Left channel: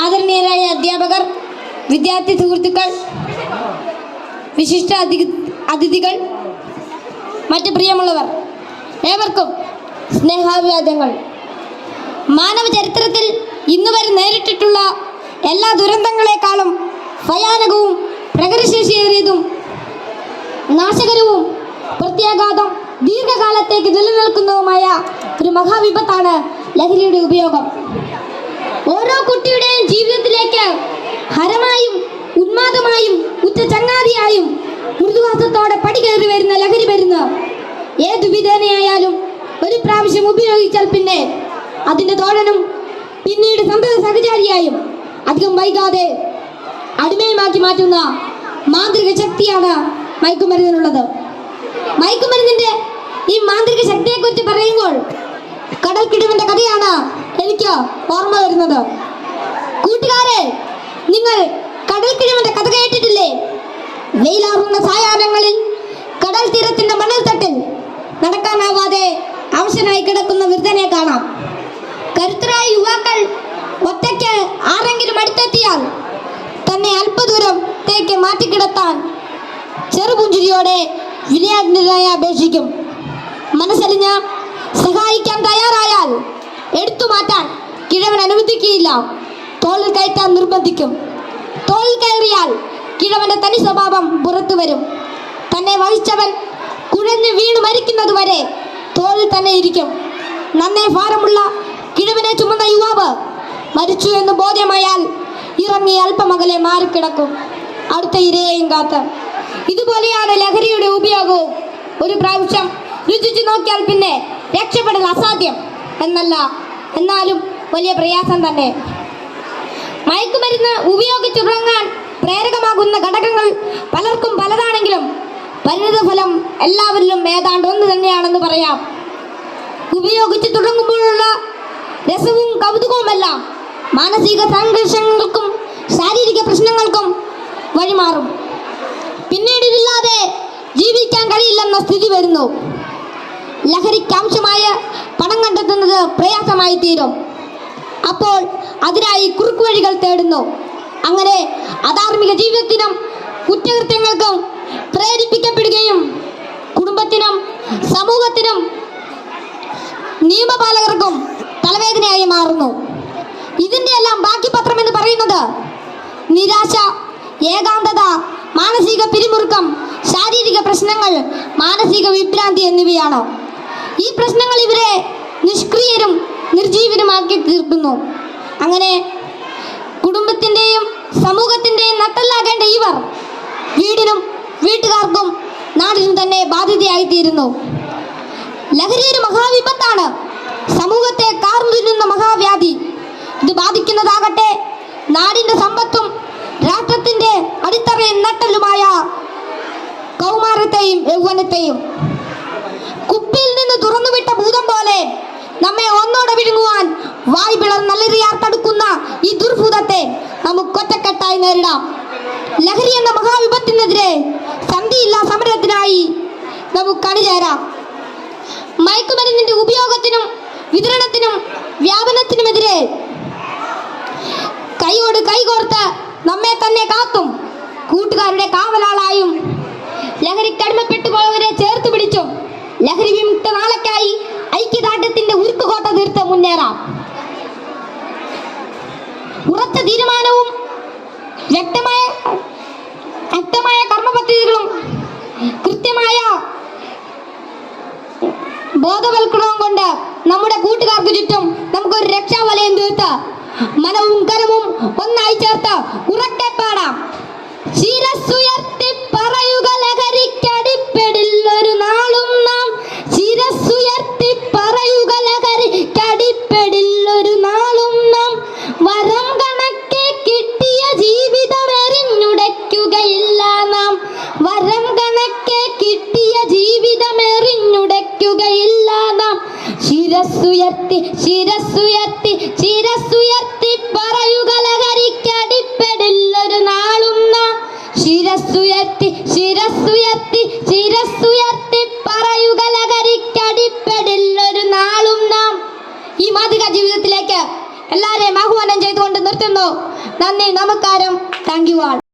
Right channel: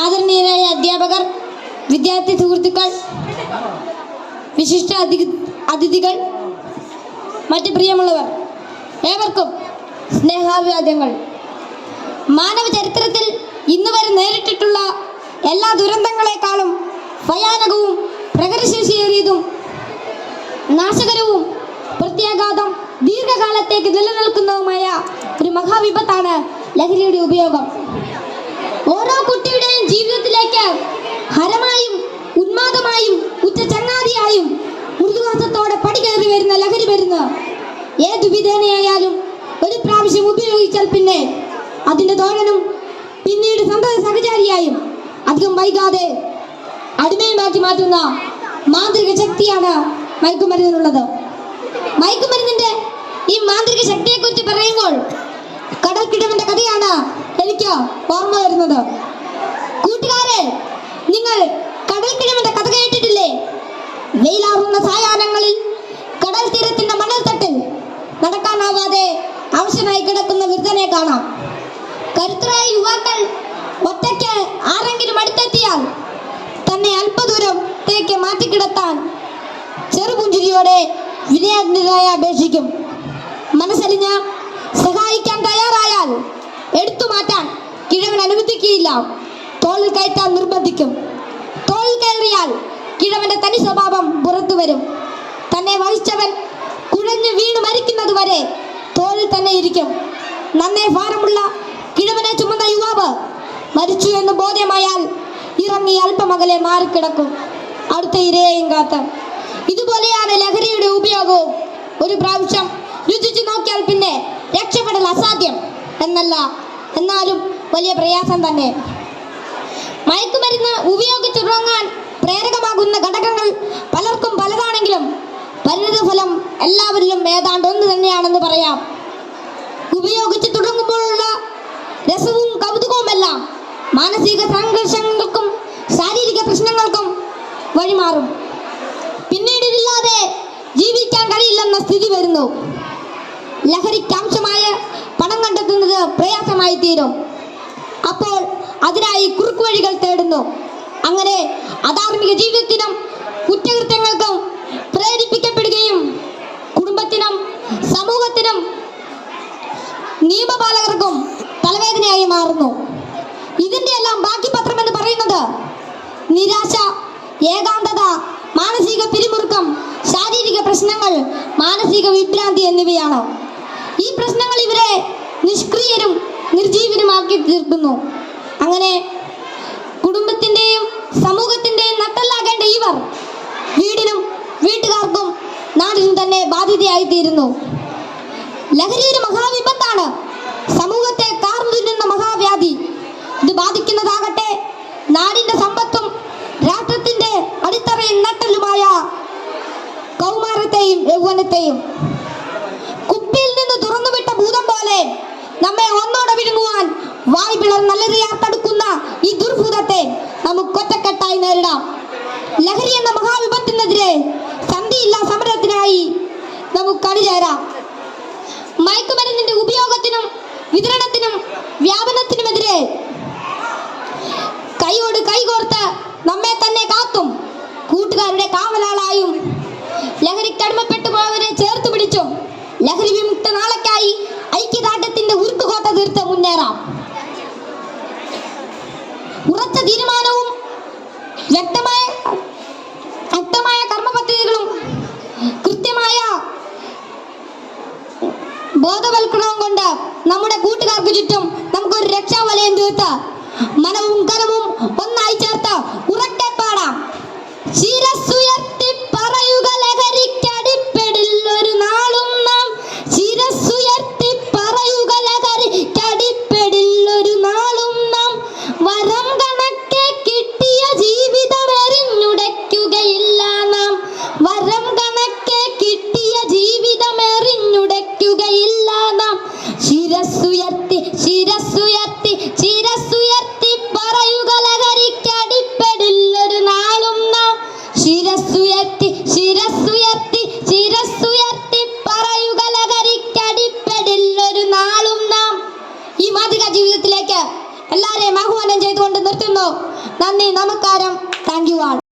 ആദരണീയരായ അധ്യാപകർ, വിദ്യാർത്ഥി സുഹൃത്തുക്കൾ, വിശിഷ്ട അതിഥികൾ, മറ്റ് പ്രിയമുള്ളവർ, ഏവർക്കും സ്നേഹാഭിവാദ്യങ്ങൾ. മാനവ ചരിത്രത്തിൽ ഇന്നുവരെ നേരിട്ടിട്ടുള്ള എല്ലാ ദുരന്തങ്ങളെക്കാളും ഭയാനകവും പ്രകൃതിശേഷിയേറിയതും നാശകരവും പ്രത്യാഘാതം ദീർഘകാലത്തേക്ക് നിലനിൽക്കുന്നതുമായ ഒരു മഹാവിപത്താണ് ലഹരിയുടെ ഉപയോഗം. ഓരോ കുട്ടിയുടെയും ജീവിതത്തിലേക്ക് ഹരമായും ഉന്മാദമായും ഉറ്റ ചങ്ങാതിയായും മൃദുവാസത്തോടെ പടികയറി വരുന്ന ലഹരി മരുന്ന് ഏതു വിധേനയായാലും ഒരു പ്രാവശ്യം ഉപയോഗിച്ചാൽ പിന്നെ അതിന്റെ തോഴനും പിന്നീട് സന്തത സഹചാരിയായും അധികം വൈകാതെ അടിമയുമാക്കി മാറ്റുന്ന മാന്ത്രിക ശക്തിയാണ് മയക്കുമരുന്നിനുള്ളത്. മയക്കുമരുന്നിന്റെ ഈ മാന്ത്രിക ശക്തിയെ കുറിച്ച് പറയുമ്പോൾ കടൽക്കിടവിന്റെ കഥയാണ് എനിക്ക് ഓർമ്മ വരുന്നത്. കൂട്ടുകാരെ, നിങ്ങൾ കടൽക്കിടവിന്റെ കഥ കേട്ടിട്ടില്ലേ? വെയിലാറുന്ന സായാഹ്നങ്ങളിൽ കടൽ തീരത്തിന്റെ മണൽത്തട്ടിൽ നടക്കാനാവാതെ അവശനായി കിടക്കുന്ന വൃദ്ധനെ കാണാം. കരുത്തരായ യുവാക്കൾ ഒറ്റയ്ക്ക് ആരെങ്കിലും അടുത്തെത്തിയാൽ തന്നെ അല്പദൂരത്തേക്ക് മാറ്റിക്കിടത്താൻ ചെറുപുഞ്ചിരിയോടെ വിനയാന്യരായി അപേക്ഷിക്കും. മനസ്സലിഞ്ഞ് സഹായിക്കാൻ തയ്യാറായാൽ എടുത്തു മാറ്റാൻ കിഴവൻ അനുവദിക്കുകയില്ല. തോളിൽ കയറ്റാൻ നിർബന്ധിക്കും. തോളിൽ കയറിയാൽ കിഴവന്റെ തനി സ്വഭാവം പുറത്തു വരും. തന്നെ വഹിച്ചവൻ കുഴഞ്ഞു വീണ് മരിക്കുന്നത് വരെ തോളിൽ തന്നെ ഇരിക്കും. നന്നേ ഭാരമുള്ള കിഴവനെ ചുമന്ന യുവാവ് മരിച്ചു എന്ന് ബോധ്യമായാൽ ഇറങ്ങി അല്പമകലെ മാറിക്കിടക്കും, അടുത്ത ഇരയെയും കാത്ത്. ഇതുപോലെയാണ് ലഹരിയുടെ ഉപയോഗവും. ഒരു പ്രാവശ്യം രുചിച്ചു നോക്കിയാൽ പിന്നെ രക്ഷപ്പെടൽ അസാധ്യം എന്നല്ല, എന്നാലും വലിയ പ്രയാസം തന്നെ. മയക്കുമരുന്ന് ഉപയോഗിച്ചുറങ്ങാൻ പ്രേരകമാകുന്ന ഘടകങ്ങൾ പലർക്കും പലതാണെങ്കിലും പരിണിതഫലം എല്ലാവരിലും ഏതാണ്ട് ഒന്ന് തന്നെയാണെന്ന് പറയാം. ഉപയോഗിച്ച് തുടങ്ങുമ്പോഴുള്ള രസവും കൗതുകവുമെല്ലാം മാനസിക സംഘർഷങ്ങൾക്കും ശാരീരിക പ്രശ്നങ്ങൾക്കും വഴിമാറും. പിന്നീട് ഇതില്ലാതെ ജീവിക്കാൻ കഴിയില്ലെന്ന സ്ഥിതി വരുന്നു. ലഹരിക്കാവശ്യമായ പണം കണ്ടെത്തുന്നത് പ്രയാസമായി തീരും. അപ്പോൾ അതിനായി കുറുക്കുവഴികൾ തേടുന്നു. അങ്ങനെ അധാർമിക ജീവിതത്തിനും കുറ്റകൃത്യങ്ങൾക്കും പ്രേരിപ്പിക്കപ്പെടുകയും കുടുംബത്തിനും സമൂഹത്തിനും നിയമപാലകർക്കും തലവേദനയായി മാറുന്നു. ഇതിന്റെ എല്ലാം ബാക്കി പത്രം എന്ന് പറയുന്നത് നിരാശ, ഏകാന്തത, മാനസിക പിരിമുറുക്കം, ശാരീരിക പ്രശ്നങ്ങൾ, മാനസിക വിഭ്രാന്തി എന്നിവയാണ്. ഈ പ്രശ്നങ്ങൾ ഇവരെ നിഷ്ക്രിയരും നിർജീവനുമാക്കി തീർക്കുന്നു. അങ്ങനെ കുടുംബത്തിന്റെയും സമൂഹത്തിന്റെയും നട്ടെല്ലാകേണ്ട ഇവർ വീടിനും വീട്ടുകാർക്കും നാടിനും തന്നെ ബാധ്യതയായി തീരുന്നു. ലഹരി ഒരു മഹാവിപത്താണ്, സമൂഹത്തെ കാർന്നു തിന്നുന്ന മഹാവ്യാധി. ഇത് ബാധിക്കുന്നതാകട്ടെ നാടിന്റെ സമ്പത്തും രാഷ്ട്രത്തിന്റെ അടിത്തറയും നട്ടലുമായ കൗമാരത്തെയും യൗവനത്തെയും. കുപ്പിയിൽ നിന്ന് തുറന്നുവിട്ട ഭൂതം പോലെ നമ്മെ ഒന്നോടെ വിഴുങ്ങുവാൻ വായ് പിളർന്നലറിയാർ തടുക്കുന്ന ഈ ദുർഭൂതത്തെ നമുക്ക് ഒറ്റക്കെട്ടായി നേരിടാം. ലഹരി എന്ന മഹാവിപത്തിനെതിരെ സന്ധിയില്ലാ സമരത്തിനായി നമുക്ക് അണിചേരാം. മയക്കുമരുന്നിന്റെ ഉപയോഗത്തിനും വിതരണത്തിനും വ്യാപനത്തിനുമെതിരെ കൈയോട് കൈകോർത്ത് നമ്മെ തന്നെ കാത്തും കൂട്ടുകാരുടെ കാവലാളായും ലഹരിക്കടിമപ്പെട്ടു പോയവരെ ചേർത്ത് പിടിച്ചും ലഹരി വിമുക്ത നാളേക്കായി ഐക്യദാർഢ്യത്തിന്റെ ഉരുക്കുകോട്ട തീർത്ത് മുന്നേറാം. ഉറച്ച തീരുമാനവും വ്യക്തമായ കർമ്മപദ്ധതികളും കൃത്യമായ ബോധവൽക്കരണവും കൊണ്ട് നമ്മുടെ കൂട്ടുകാർക്ക് ചുറ്റും നമുക്കൊരു രക്ഷാവലയം തീർത്ത് മനവും കരവും ഒന്നായി ചേർത്ത് ഉറക്കെ പാടാം. ശിരസ്സുയർത്തി പറയുക ലഹരിക്കടിപ്പെടില്ലൊരു നാളും നാം. ശിരസ്സുയർത്തി പറയുക ലഹരിക്കടിപ്പെടില്ലൊരു നാളും നാം. വരം കണക്കെ കിട്ടിയ ജീവിതം എറിഞ്ഞുടയ്ക്കുകയില്ല നാം. വരം കണക്കെ കിട്ടിയ ജീവിതം എറിഞ്ഞുടയ്ക്കുകയില്ല നാം. ശിരസ്സുയർത്തി ശിരസ്സുയർത്തി ശിരസ് നന്ദി, നമസ്കാരം. Thank you all.